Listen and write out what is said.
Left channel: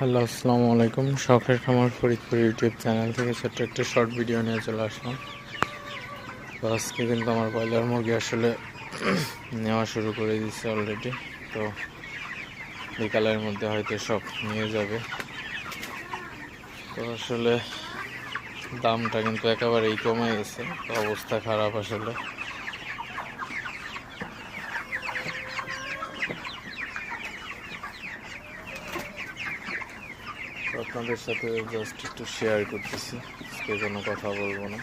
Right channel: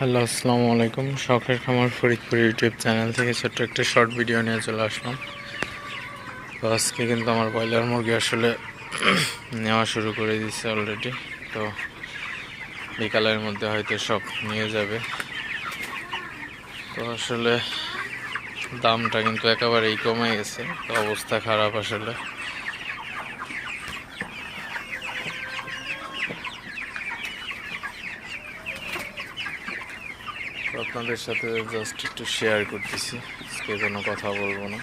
Hello, আসসালামু আলাইকুম। শখের খামার ফরিদপুর ইউটিউব চ্যানেল থেকে ছোট্ট একটা শর্ট ভিডিও নিয়ে চলে আসলাম। তো আজকে কিন্তু আমার ব্রয়লার মুরগি আসলে নেওয়া শুরু করে দিয়েছে অলরেডি। তো বিকালের মধ্যে হয়তো সব নিয়ে যাবে। তো আসলে দামটা কিন্তু একেবারেই কমে গেছে, তো অবস্থা খারাপ আসলে। তো আপনাদের সাথে জাস্ট একটু শেয়ার করতেছি, আজকে কোনো কথা বলবো না।